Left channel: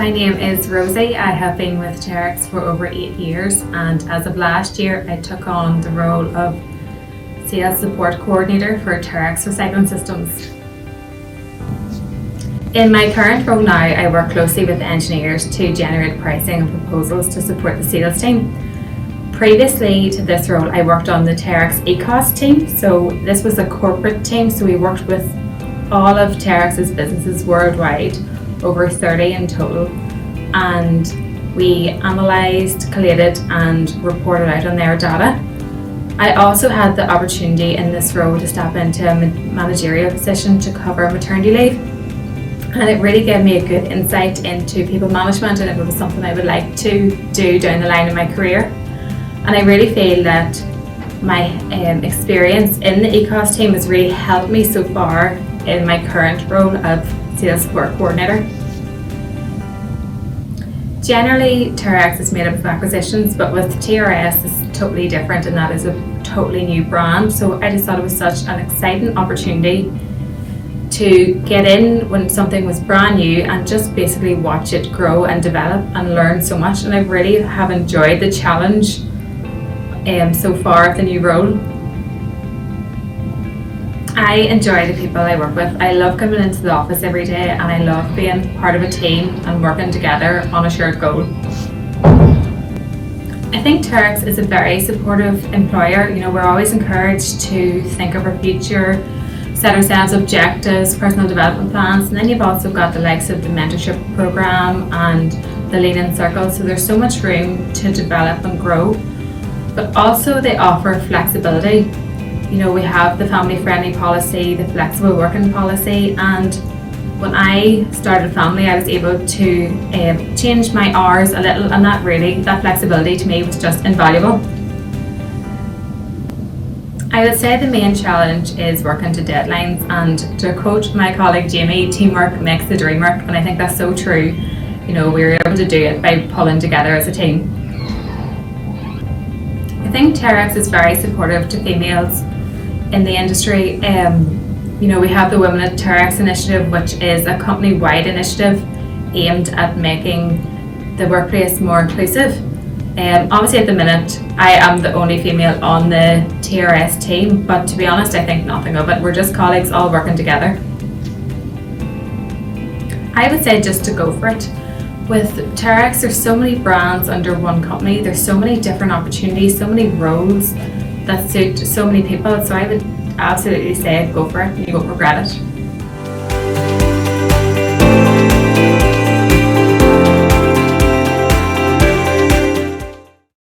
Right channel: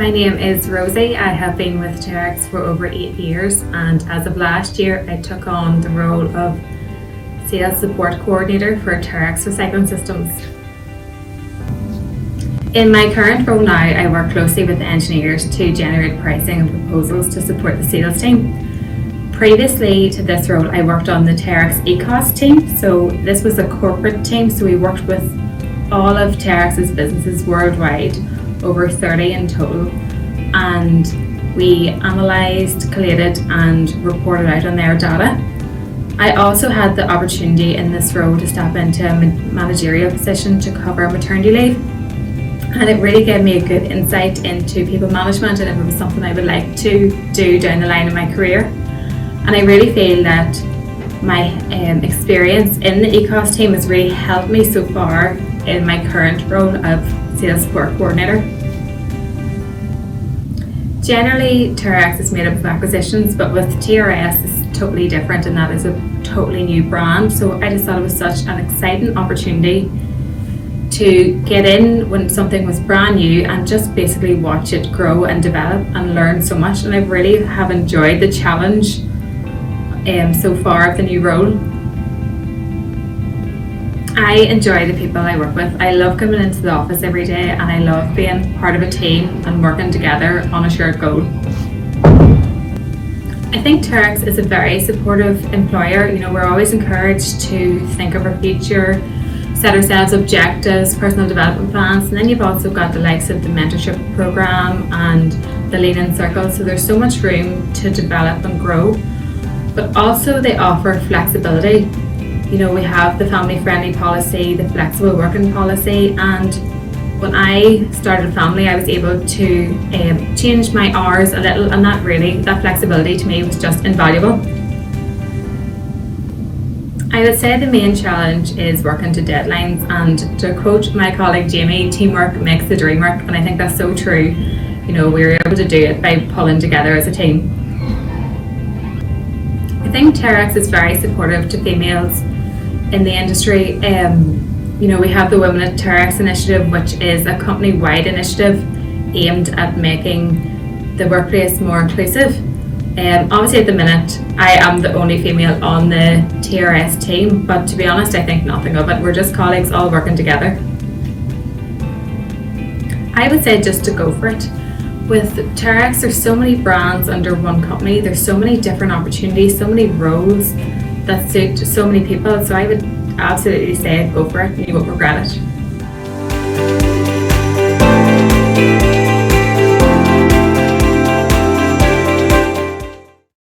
My name is Rosie. I have been with Terex for over 8 years, and as of last year I took on the role of Sales Support Coordinator for Terex Recycling Systems. In my current role now, I work closely with the engineers to generate pricing and proposals to support the sales team. Previously to this role, I worked on the Terex ECOS team. So this was a corporate team, so we worked with all of Terex's businesses worldwide, over 30 in total, and we analysed, collated and reported out on their data. I also had the opportunity in this role to step into a managerial position to cover maternity leave, and it really gave me a good insight into people management and if it was something I would like to do down the line in my career. And I really feel that my experience in the ECOS team has really helped me so far in my current role of Sales Support Coordinator. Generally, Terex is made up of acquisitions, but with TRS it's totally different, and that is a totally new brand. So I just thought it was such an exciting opportunity to get in when something was brand new and just basically watch it grow and develop and learn so much. And I really have enjoyed the challenge so far of the new role. I enjoy the people I work with. I love coming into the office every day, and I love being part of a team and working together on a shared goal. I think Terex is a very supportive employer. You know, we're always encouraged to think of our future, set ourselves objectives, personal development plans, and then you've also got the likes of the mentorship program and the Lean In Circle. So there's so much room to develop and grow, but also they offer flexibility. You know, we have the family-friendly policy, the flexible working policy, and when I started a family, I was able to change my hours a little, and that flexibility to me was just invaluable. I would say the main challenge is working to deadlines, and to quote my colleague Jamie, teamwork makes the dream work, and I think that's so true. You know, we were able to do it by pulling together as a team. I think Terex is very supportive to females in the industry. You know, we have the Women at Terex initiative, which is a company-wide initiative aimed at making the workplace more inclusive. Obviously at the minute, I am the only female on the TRS team, but to be honest, I think nothing of it. We're just colleagues all working together. I would say just to go for it. With Terex, there's so many brands under one company, there's so many different opportunities, so many roles that suit so many people, so I would absolutely say go for it, you won't regret it.